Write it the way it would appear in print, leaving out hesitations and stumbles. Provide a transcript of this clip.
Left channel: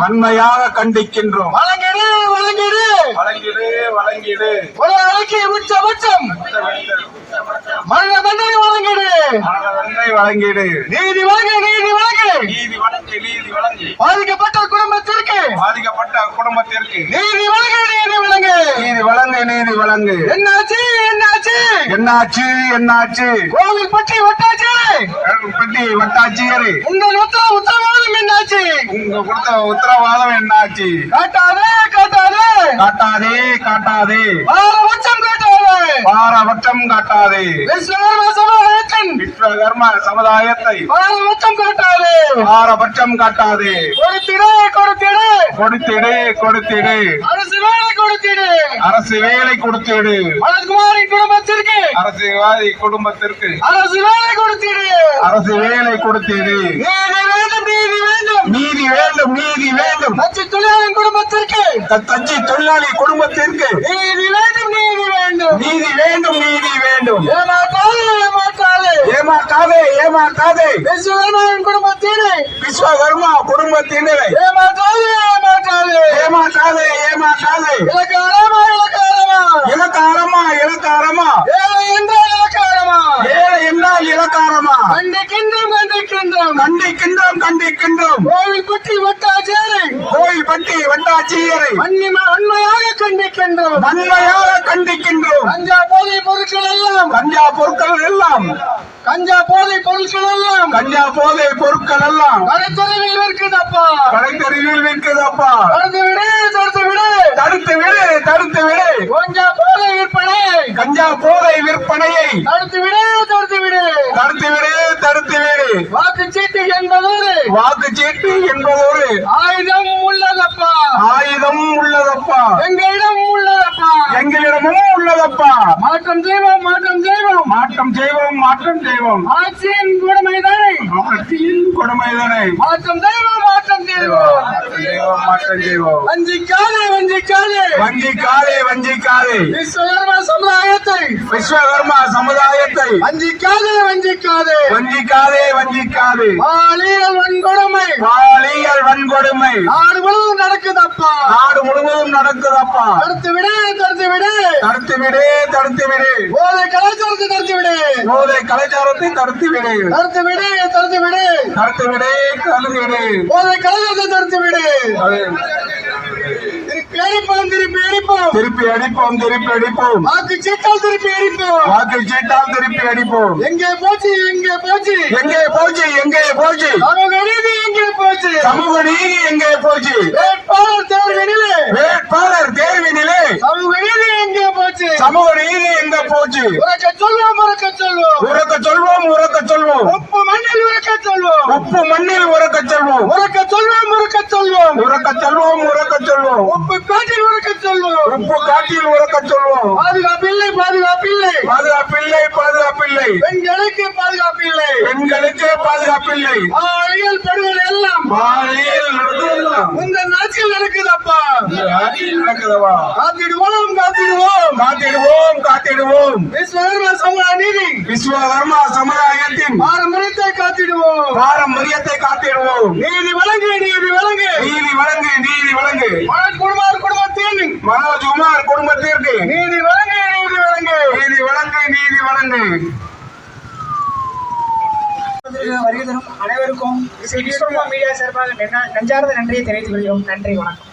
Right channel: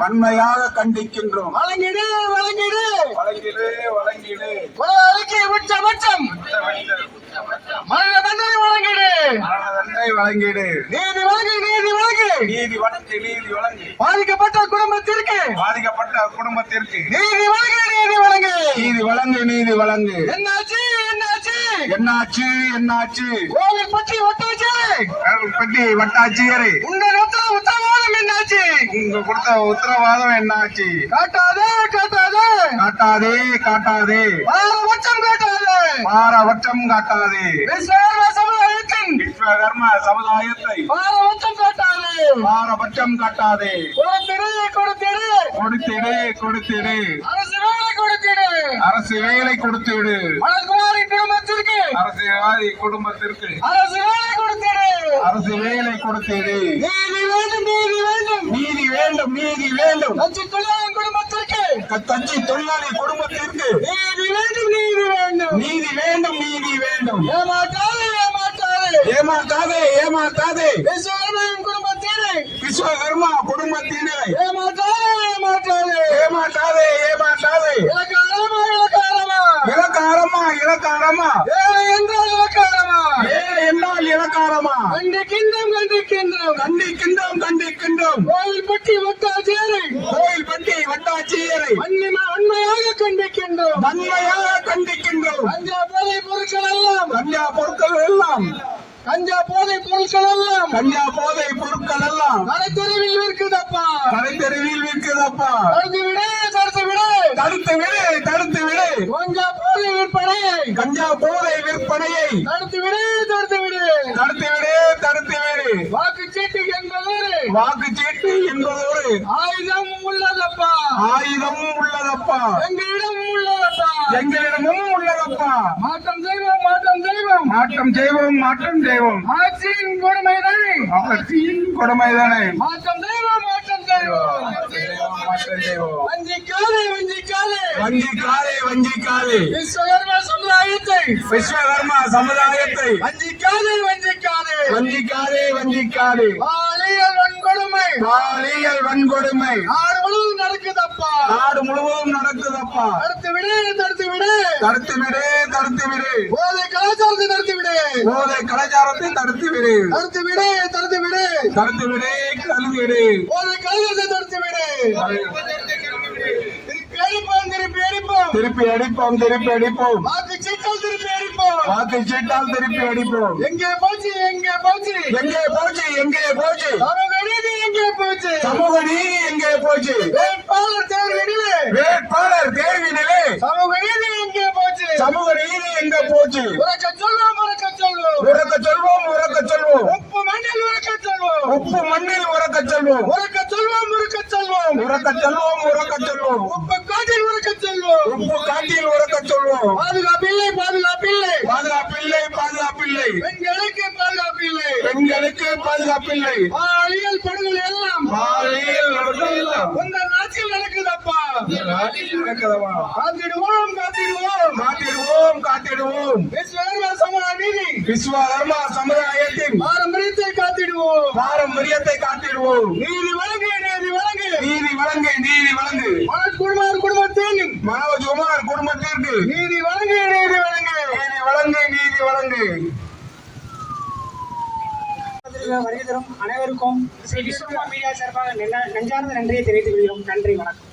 வன்மையாக கண்டிக்கின்றோம். வழங்கிடு வழங்கிடு வழங்கிடு வழங்கிடு கொலைக்கு உச்சபட்சம் மரண தண்டனை வழங்கிடு வழங்கிடு நீதி வழங்கு நீதி வழங்கு நீதி வழங்கு நீதி வழங்கு பாதிக்கப்பட்ட குடும்பத்திற்கு நீதி வழங்கு நீதி வழங்கு நீதி வழங்கு நீதி வழங்கு. என்னாச்சு என்னாச்சு என்னாச்சு என்னாச்சு கோவில் பற்றி வட்டாச்சு பெட்டி வட்டாட்சியரே உங்கள் உத்தரவாதம் என்னாச்சு உங்க கொடுத்த உத்தரவாதம் என்னாச்சு? காட்டாதே காட்டாதே காட்டாதே காட்டாதே பாரபட்சம் காட்டாதே பாரபட்சம் காட்டாதே விஸ்வகர்ம சமுதாயத்தின் விஸ்வகர்ம சமுதாயத்தை பாரபட்சம் காட்டாதே பாரபட்சம் காட்டாதே. கொடுத்திடு கொடுத்திடு கொடுத்திடு கொடுத்திடு அரசு வேலை கொடுத்திடு அரசு வேலை கொடுத்திடு மலர்குமாரின் குடும்பத்திற்கு அரசியல்வாதி குடும்பத்திற்கு அரசு வேலை கொடுத்திடு அரசு வேலை கொடுத்திடு. நீதி வேண்டும் நீதி வேண்டும் நீதி வேண்டும் நீதி வேண்டும் அச்சு தொழிலாளர் குடும்பத்திற்கு தச்சு தொழிலாளி குடும்பத்திற்கு நீதி வேண்டும் நீதி வேண்டும் நீதி வேண்டும் நீதி வேண்டும். ஏமாற்றாதே ஏமாற்றாதே ஏமாற்றாதே ஏமாற்றாதே விஸ்வகர்மன் குடும்பத்தினை விஸ்வகர்மா குடும்பத்தினரை ஏமாற்றாதே ஏமாற்றாதே ஏமாற்றாதே ஏமாற்றாதே இலக்காரமா இலக்காரமா இலக்காரமா இலக்காரமா ஏழை என்றால் இலக்காரமா ஏழை என்றால் இலக்காரமா கண்டிக்கின்றோம் கண்டிக்கின்றோம் கண்டிக்கின்றோம் கண்டிக்கின்றோம். கோவில்பட்டி வட்டாட்சியரை கோயில்பட்டி வட்டாட்சியரை வன்மையாக கண்டிக்கின்றோம் வன்மையாக கண்டிக்கின்றோம். கஞ்சா போதை பொருட்கள் எல்லாம் கஞ்சா பொருட்கள் எல்லாம் கஞ்சா போதை பொருட்கள் எல்லாம் கஞ்சா போதை பொருட்கள் எல்லாம் கடைத்தெருவில் இருக்குதப்பா கடைத்தெருவில் விற்குதப்பா. தடுத்து விடு தடுத்து விடு தடுத்து விடு தடுத்து விடு கஞ்சா போதை விற்பனை கஞ்சா போதை விற்பனையை தடுத்து விடு தடுத்து விடு தடுத்து விடு தடுத்து விடு. வாக்குச்சீட்டு என்பதோடு வாக்குச்சீட்டு என்பதோடு ஆயுதம் உள்ளதப்பா ஆயுதம் உள்ளதப்பா எங்களிடம் உள்ளதப்பா எங்களிடமும் உள்ளதப்பா. மாற்றம் செய்வோம் மாற்றம் செய்வோம் மாற்றம் செய்வோம் மாற்றம் செய்வோம் ஆட்சியின் கொடுமைதானே ஆட்சியின் கொடுமைதானே மாற்றம் செய்வோம் மாற்றம் செய்வோம் மாற்றம் செய்வோம். வஞ்சிக்காதே வஞ்சிக்காதே வஞ்சிக்காதே வஞ்சிக்காதே விஸ்வகர்ம சமுதாயத்தை விஸ்வகர்மா சமுதாயத்தை வஞ்சிக்காதே வஞ்சிக்காதே வஞ்சிக்காதே வஞ்சிக்காதே. பாலியல் வன்கொடுமை பாலியல் வன்கொடுமை நாடு முழுவதும் நடக்குதப்பா நாடு முழுவதும் நடக்குதப்பா. தடுத்து விடு தடுத்து விடு தடுத்து விடு தடுத்து விடு போதை கலாச்சாரத்தை தடுத்து விடு போதை கலாச்சாரத்தை தடுத்து விடு தடுத்து விடு தடுத்து விடு தடுத்து விடு தடுத்து விடு. போதை கலாச்சாரத்தை தடுத்து விடு திருப்பி அடிப்போம் திருப்பி அடிப்போம் திருப்பி அடிப்போம் திருப்பி அடிப்போம் வாக்கு சீட்டால் திருப்பி அடிப்போம் வாக்கு சீட்டால் திருப்பி அடிப்போம். எங்கே போச்சு எங்கே போச்சு எங்கே போச்சு எங்கே போச்சு சமூக நீதி எங்கே போச்சு சமூக நீதி எங்கே போச்சு வேட்பாளர் தேர்வினிலே வேட்பாளர் தேர்வினிலே சமூக நீதி எங்கே போச்சு சமூக நீதி எங்க போச்சு? உறக்க சொல்வோம் உறக்க சொல்வோம் உறக்க சொல்வோம் உறக்க சொல்வோம் உப்பு மண்ணில் உறக்க சொல்வோம் உப்பு மண்ணில் உறக்க சொல்வோம் உறக்க சொல்வோம் உறக்க சொல்வோம் உறக்க சொல்வோம் உறக்க சொல்வோம் உப்பு காட்டில் உறக்க சொல்வோம் உப்பு காட்டில் உறக்க சொல்வோம். பாதுகாப்பில்லை பாதுகாப்பில்லை பாதுகாப்பில்லை பாதுகாப்பில்லை பெண்களுக்கு பாதுகாப்பில்லை பெண்களுக்கு பாதுகாப்பில்லை. பாலியல் படுகொலை எல்லாம் பாலியல் நடக்குதெல்லாம் உங்கள் நாட்டில் நடக்குதப்பா ஆட்சியில் நடக்குதவா? காத்திடுவோம் காத்திடுவோம் காத்திடுவோம் காத்திடுவோம். விஸ்வகர்ம சமுதாய நீதி விஸ்வகர்மா சமுதாயத்தின் பாரம்பரியத்தை காத்திடுவோம் பாரம்பரியத்தை காத்திடுவோம். நீதி வழங்கு நீதி வழங்கு நீதி வழங்கு நீதி வழங்கு மனோஜ்குமார் குடும்பத்தின் மனோஜ்குமார் குடும்பத்திற்கு நீதி வழங்கு நீதி வழங்கு நீதி வழங்கு நீதி வழங்கு. வருகை தரும் அனைவருக்கும் விஸ்வகர்மா மீடியா சார்பாக நெஞ்சார்ந்த நன்றியை தெரிவித்துக் கொள்கிறோம். நன்றி, வணக்கம்.